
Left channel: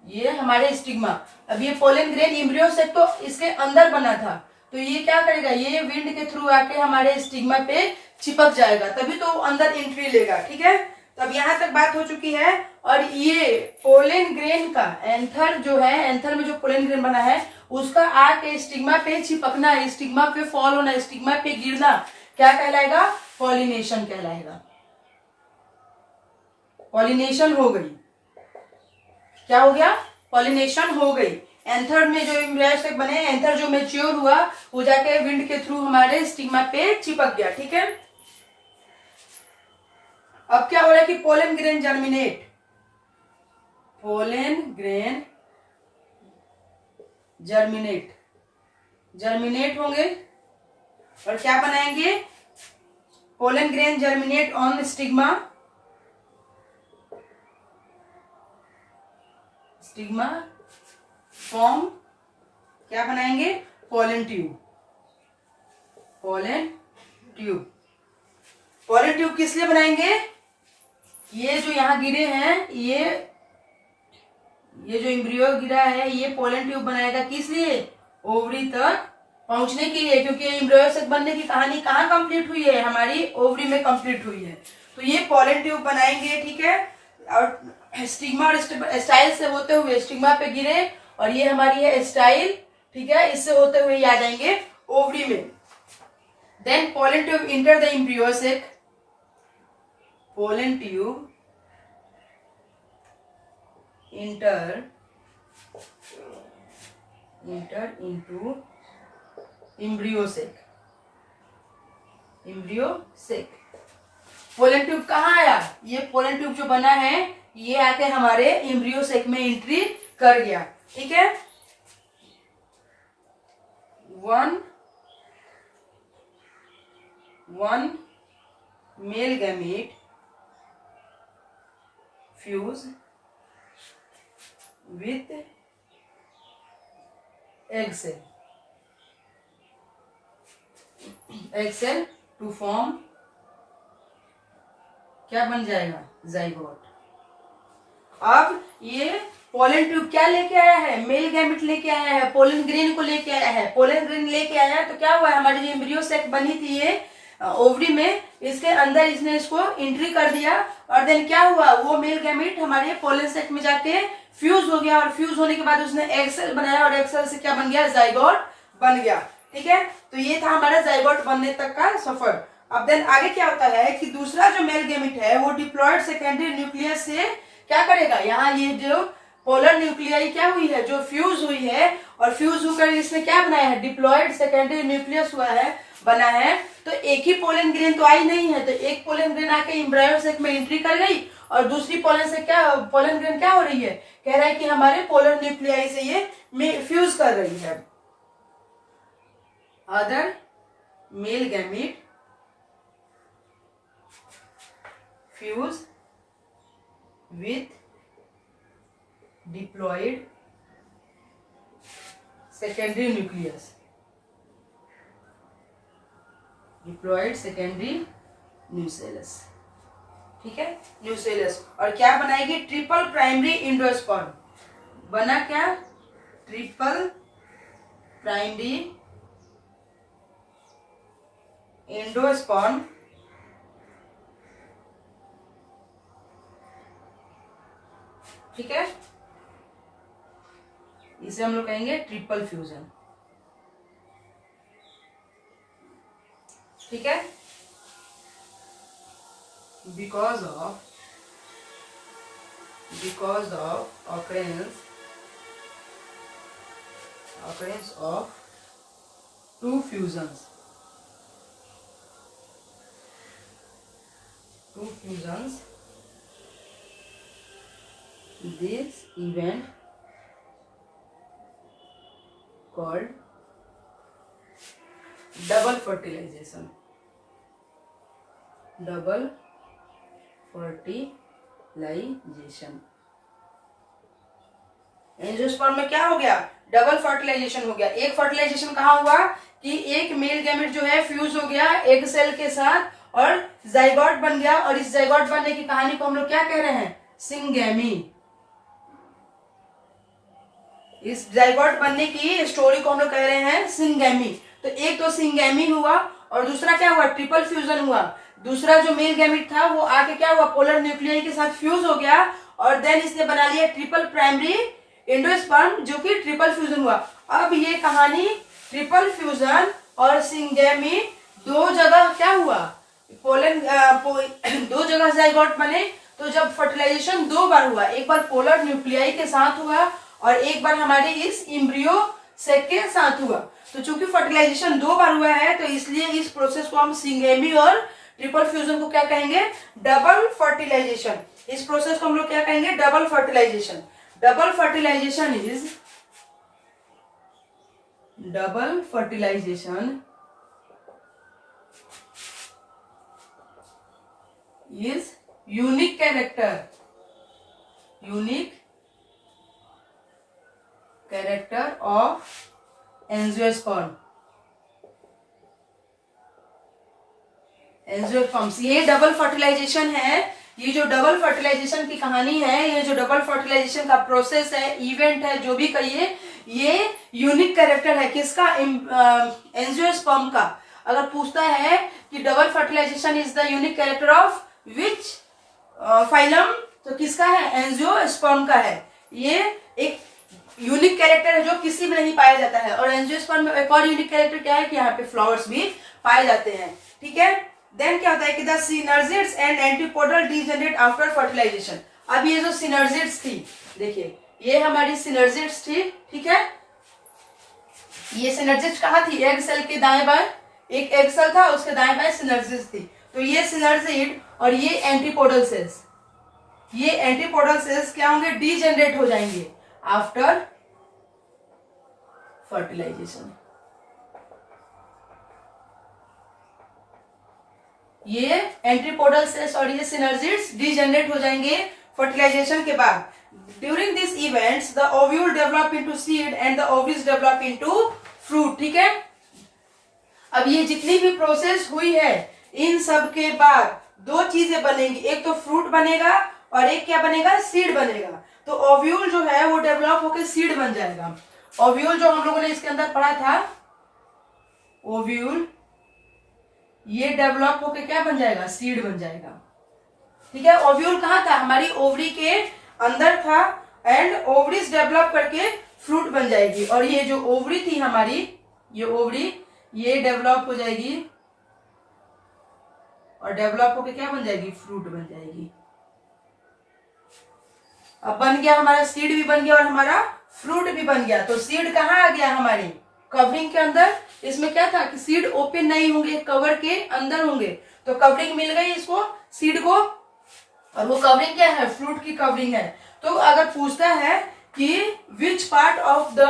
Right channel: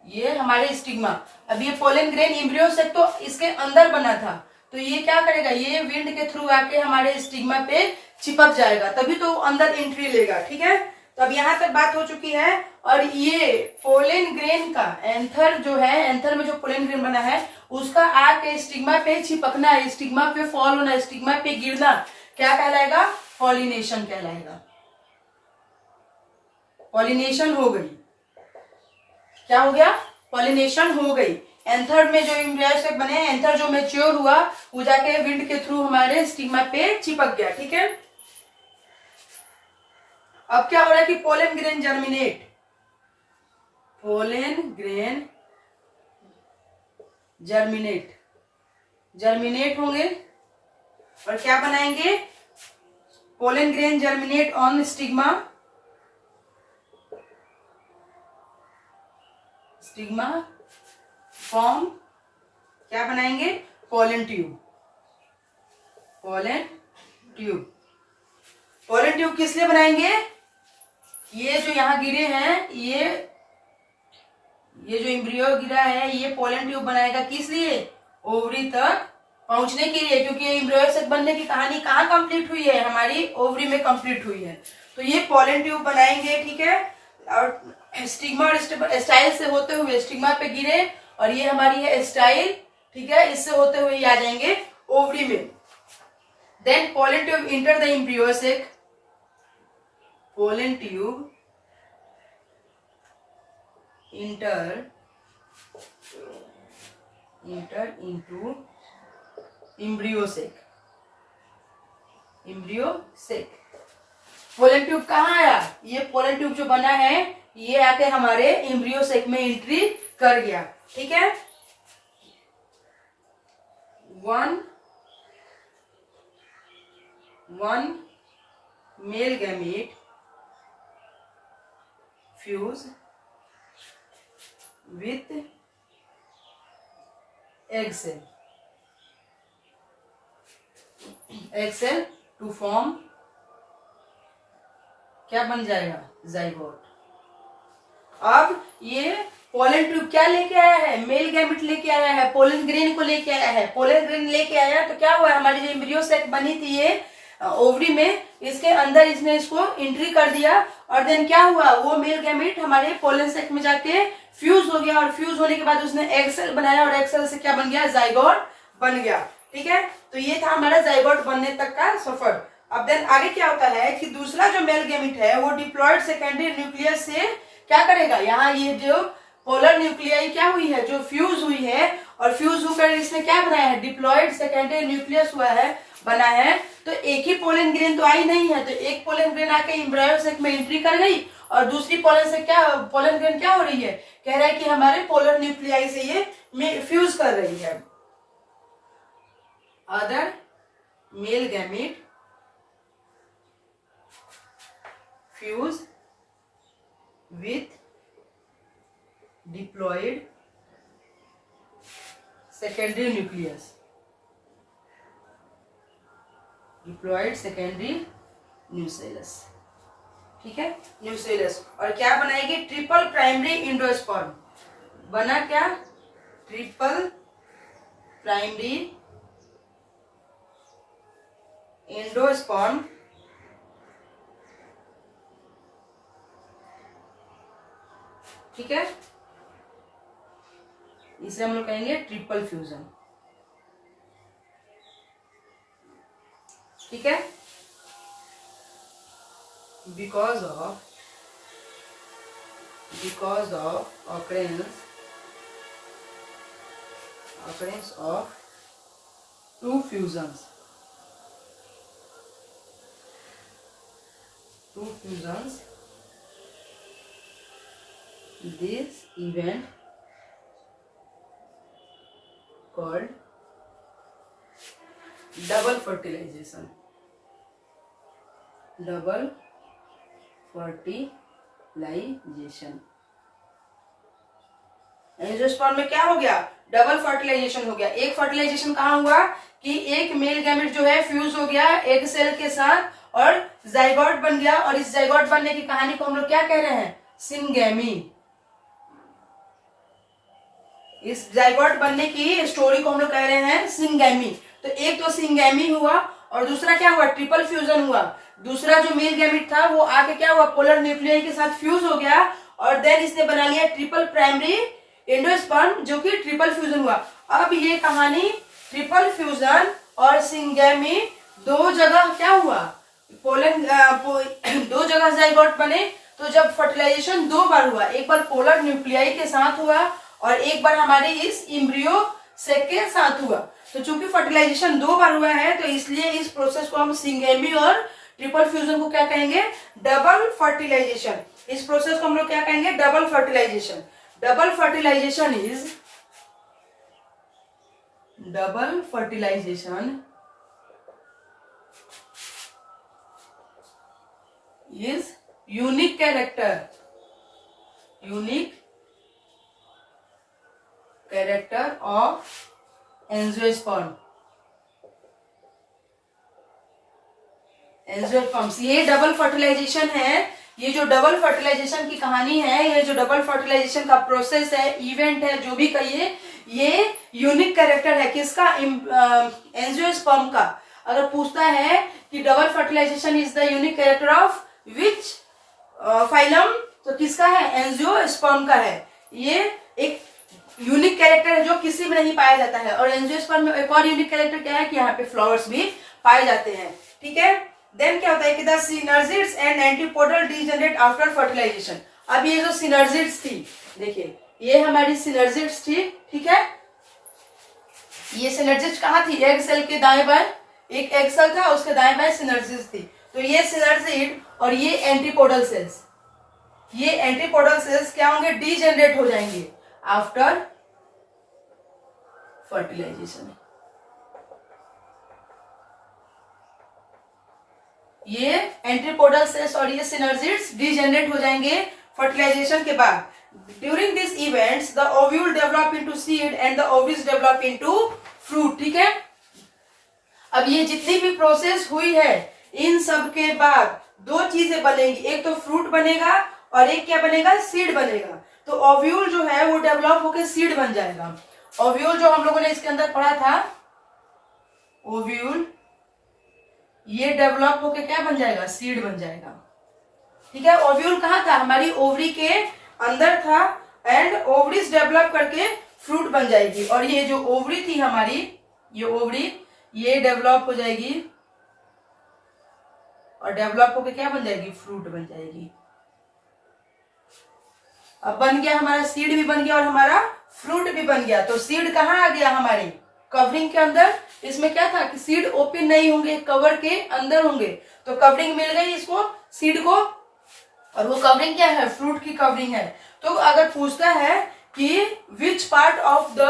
ये हमारे स्टिग्मा। अब ये पोलन ग्रेन एम्ब्रियो से तो इसके अंदर बना था, तो ये क्या करेगा, ये विंड के थ्रू आके हमारे स्टिग्मा पे चिपक जाएगा, तभी तो अंदर एंट्री लेगा, ठीक है। तो अब यहाँ तक बात हो चुकी है। और ये पोलन ग्रेन का एंथर जो है, एंथर में जो पोलन ग्रेन बना है उसका आके स्टिग्मा पे चिपकना, स्टिग्मा पे फॉल होना, स्टिग्मा पे गिरना क्या कहलाएगा, पॉलिनेशन कहलाएगा। पॉलिनेशन हो गई, क्या हो गया, पॉलिनेशन हो गई। एंथर में जो एम्ब्रियो बने, एंथर जो मैच्योर हुआ वो जाके विंड के थ्रू हमारे स्टिग्मा पे चिपक गया, ठीक है। अब क्या हो रहा है कि pollen grain germinate, pollen grain germinate होंगे और क्या बनाएंगे, pollen grain germinate on stigma form, क्या बनाएंगे, पोलन ट्यूब किस लिए बनाएंगे, ये जो यहां गिरे हैं, ये जो एम्ब्रियो गिरा है, ये पोलन ट्यूब बनाएगा किस लिए, ओवरी तक पहुंचने के लिए, क्योंकि एम्ब्रियो से बनने की कहानी कहाँ कंप्लीट हुई है, हमारी ओवरी में कंप्लीट हुई है। तो ये पोलन ट्यूब बनाएंगे, ठीक है, और स्टिग्मा और स्टाइल से होते हुए स्टिग्मा पे गिरे और ये हमारी है स्टाइल, ठीक है, इससे होते हुए ये आ जाएंगे ओवरी में। Then pollen tube enter the embryo sac, pollen tube enter into embryo sac, pollen tube कहाँ आया, ये पोलन ट्यूब जो बना है ये आके हमारे एम्ब्रियो सेक में एंट्री कर गया, ठीक है। One male gamete fuse with egg cell to form, क्या बन जाएगा, जाइगोट। अब ये पोलन ट्यूब क्या लेके आया है, मेल गैमेट लेके आया है, पोलन ग्रेन को लेके आया है, पोलन ग्रेन लेके आया तो क्या हुआ, हमारी जो एम्ब्रियो सेक बनी थी ये ओवरी में, इसके अंदर इसने इसको एंट्री कर दिया और देन क्या हुआ, वो मेल गैमेट हमारे पोलन सेक में जाके फ्यूज हो गया और फ्यूज होने के बाद उसने एग सेल बनाया और एग सेल से क्या बन गया, जाइगोट बन गया, ठीक है। तो ये था हमारा जाइगोट बनने तक का सफर। अब देन आगे क्या होता है कि दूसरा जो मेल गैमेट है वो डिप्लॉयड सेकेंडरी न्यूक्लियस से क्या करेगा, यहाँ ये जो पोलर न्यूक्लियाई क्या हुई है, जो फ्यूज हुई है और फ्यूज होकर इसने क्या बनाया है, डिप्लॉयड सेकेंडरी न्यूक्लियस हुआ है, बना है। तो एक ही पोलन ग्रेन तो आई नहीं है, तो एक पोलन ग्रेन आके एम्ब्रियो सेक में एंट्री कर गई और दूसरी पोलन ग्रेन क्या हो रही है, कह रहा है कि हमारे पोलर न्यूक्लियाई से ये फ्यूज कर रही है। Other male gamete fuse with diploid secondary nucleus, diploid secondary nucleus, ठीक है, न्यूक्लियस। और क्या बनाएगी? Triple primary endosperm. बना क्या? ट्रिपल प्राइमरी एंडोस्पर्म, ठीक है, इसे हम लोग कहेंगे ट्रिपल फ्यूजन, ठीक है। Because of occurrence of two fusions, this event called double fertilization, angiosperm में क्या हो गया? डबल फर्टिलाइजेशन हो गया। एक फर्टिलाइजेशन कहाँ हुआ कि एक मेल गैमेट जो है फ्यूज हो गया एग सेल के साथ और जाइगोट बन गया, और इस जाइगोट बनने की कहानी को हम लोग क्या कह रहे हैं? सिंगैमी। इस जाइगोट बनने की स्टोरी को हम लोग कह रहे हैं सिंगैमी। तो एक तो सिंगैमी हुआ और दूसरा क्या हुआ? ट्रिपल फ्यूजन हुआ। दूसरा जो मेल गैमेट था वो आके क्या हुआ? पोलर न्यूक्लियाई के साथ फ्यूज हो गया और देन इसने बना लिया ट्रिपल प्राइमरी एंडोस्पर्म, जो कि ट्रिपल फ्यूजन हुआ। अब ये कहानी ट्रिपल फ्यूजन और सिंगैमी दो जगह क्या हुआ? पोलन दो जगह जाइगोट बने। तो जब फर्टिलाइजेशन दो बार हुआ, एक बार पोलर न्यूक्लियाई के साथ हुआ और एक बार हमारे इस इम्ब्रियो सेक के साथ हुआ। तो चूंकि फर्टिलाइजेशन दो बार हुआ है तो इसलिए इस प्रोसेस को हम सिंगैमी और ट्रिपल फ्यूजन को क्या कहेंगे? Double fertilisation. इस प्रोसेस को हम लोग क्या कहेंगे? Double fertilization. Double fertilization is unique character of angiosperm. ये डबल फर्टिलाइजेशन है। ये जो डबल फर्टिलाइजेशन की कहानी है, ये जो डबल फर्टिलाइजेशन का प्रोसेस है, इवेंट है, जो भी कहिए, ये यूनिक कैरेक्टर है किसका? एंजियोस्पर्म का। अगर पूछता है कि double fertilization is the unique character of which phylum, तो किसका है? एंजियोस्पर्म का है। ये एक यूनिक कैरेक्टर है जो किसी में नहीं पाया जाता है। और एंजियोस्पर्म में एक और यूनिक कैरेक्टर क्या है कि यहाँ पे फ्लावर्स भी पाए जाते हैं, ठीक है। देन क्या होता है कि the synergids and antipodal degenerate after fertilization. अब ये जो सिनर्जिड्स थी, देखिए ये हमारी सिनर्जिड्स थी, ठीक है। ये सिनर्जिड्स कहाँ थी? एग सेल के दाएं बाएं, एक एग सेल था उसके दाएं बाएं सिनर्जिड्स थी। तो ये सिनर्जिड और ये एंटीपोडल सेल्स, ये एंटीपोडल सेल्स क्या होंगे? डीजनरेट हो जाएंगे आफ्टर फर्टिलाइजेशन। ये एंटीपोडल सेल्स और ये सिनर्जिड्स डीजनरेट हो जाएंगे फर्टिलाइजेशन के बाद। During this events the ovule develop into seed and the ovaries develop into fruit, ठीक है। अब ये जितनी भी प्रोसेस हुई है, इन सब के बाद दो चीजें बनेंगी, एक तो फ्रूट बनेगा और एक क्या बनेगा? सीड बनेगा। तो ओव्यूल जो है वो डेवलप होकर सीड बन जाएगा। ओव्यूल जो हम लोगों ने इसके अंदर पढ़ा था, ओव्यूल ये डेवलप होके क्या बन जाएगा? सीड बन जाएगा, ठीक है। ओव्यूल कहाँ था? हमारी ओवरी के अंदर था एंड ओवरीज डेवलप करके फ्रूट बन जाएगी। और ये जो ओवरी थी हमारी, ये ओवरी ये डेवलप हो जाएगी और डेवलप होके क्या बन जाएगी? फ्रूट बन जाएगी। अब बन गया हमारा सीड भी बन गया और हमारा फ्रूट भी बन गया। तो सीड कहाँ आ गया? हमारे कवरिंग के अंदर। इसमें क्या था कि सीड ओपन नहीं होंगे, कवर के अंदर होंगे। तो कवरिंग मिल गई इसको, सीड को, और वो कवरिंग क्या है? फ्रूट की कवरिंग है। तो अगर पूछता है कि which part of the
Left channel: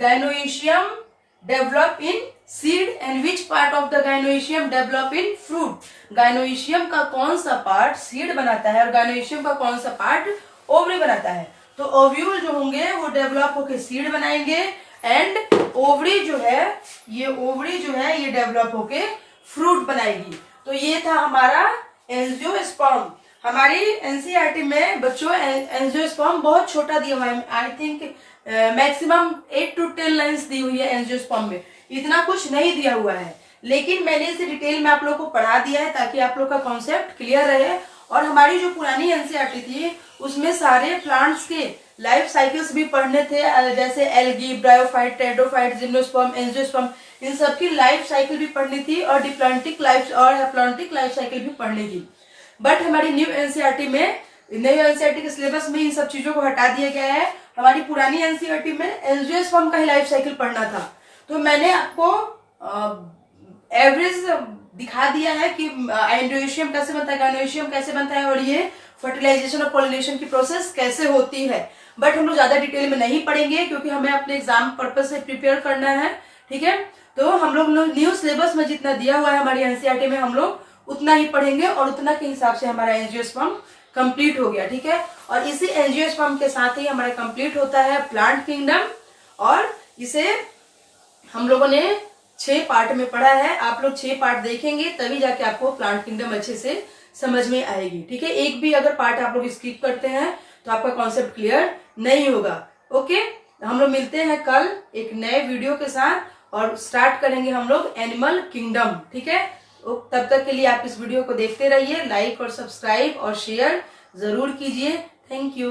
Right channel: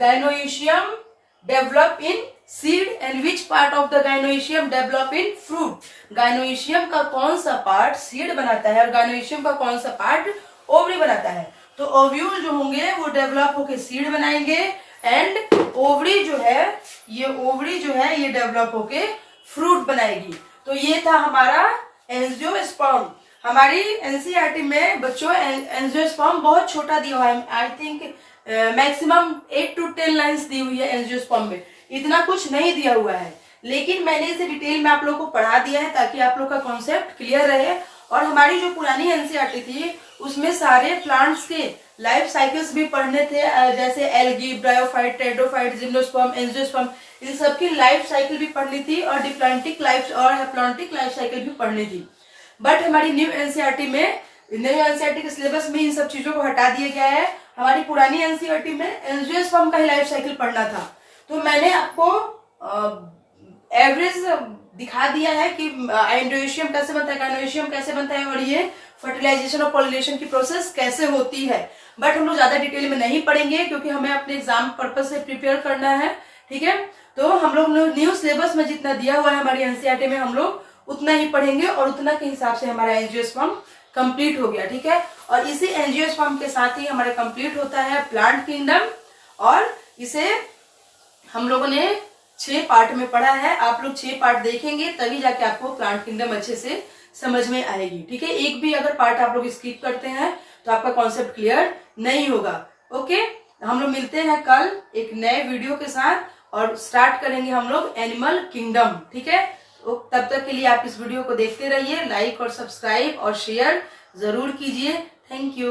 gynoecium develop in seed and which part of the gynoecium develop in fruit, gynoecium का कौन सा पार्ट सीड बनाता है और गाइनोइशियम का कौन सा पार्ट ओवरी बनाता है? तो ओव्यूल जो होंगे वो डेवलप होके सीड बनाएंगे एंड ओवरी जो है, ये ओवरी जो है ये डेवलप होके फ्रूट बनाएगी। तो ये था हमारा एंजियोस्पर्म। हमारी एनसीईआरटी में बच्चों एंजियोस्पर्म बहुत छोटा दिया हुआ है। I think maximum 8 to 10 lines दी हुई है एंजियोस्पर्म में, इतना कुछ नहीं दिया हुआ है। लेकिन मैंने इसे डिटेल में आप लोगों को पढ़ा दिया है ताकि आप लोग का कॉन्सेप्ट क्लियर रहे। और हमारी जो पुरानी एनसीईआरटी थी उसमें सारे प्लांट्स के लाइफ साइकिल्स भी पढ़ने थे, जैसे एल्गी, ब्रायोफाइट, टेट्रोफाइट, जिम्नोस्पर्म, एंजियोस्पर्म, इन सबकी लाइफ साइकिल भी पढ़नी थी और डिप्लॉन्टिक लाइफ और हैप्लॉन्टिक लाइफ साइकिल भी पढ़नी थी। बट हमारी न्यू एनसीईआरटी के सिलेबस में इन सब चीजों को हटा दिया गया है। हमारी पुरानी एनसीईआरटी में एंजियोस्पर्म का ही लाइफ साइकिल पढ़ना था। तो मैंने आपको एवरेज दिखा दिया है कि एंडोएशियम कैसे बनता है, गाइनोएशियम कैसे बनता है और ये फर्टिलाइजेशन और पॉलिनेशन की प्रोसेस कैसे होती है। बट हम लोग ज्यादा डिटेल में नहीं पढ़ेंगे क्योंकि हमें अपने एग्जाम पर्पज से प्रिपेयर करना है, ठीक है। तो हम लोग न्यू सिलेबस में जितना दिया हुआ है हमारी एनसीईआरटी में हम लोग उतना ही पढ़ेंगे और उतना के हिसाब से हमारा एंजियोस्पर्म कंप्लीट हो गया, ठीक है। और इसी एंजियोस्पर्म के साथ ही हमारा कंप्लीट होता है प्लांट किंगडम, और इसे हम लोगों ने 6 पार्ट में पढ़ा है। आप लोग 6 पार्ट देखेंगे तभी जाके आपको प्लांट किंगडम अच्छे से समझ में आएगी, ठीक है। एक भी अगर पार्ट आप लोग स्किप करते हैं तो आपका कॉन्सेप्ट क्लियर नहीं होगा। ओके, हम लोग मिलते हैं कल एक नए वीडियो के साथ और स्टार्ट करेंगे हम लोग एनिमल किंगडम, ठीक है। तब तक के लिए आप इस वीडियो को देखते रहिए, लाइक और सब्सक्राइब और शेयर जरूर कीजिए। Thank you.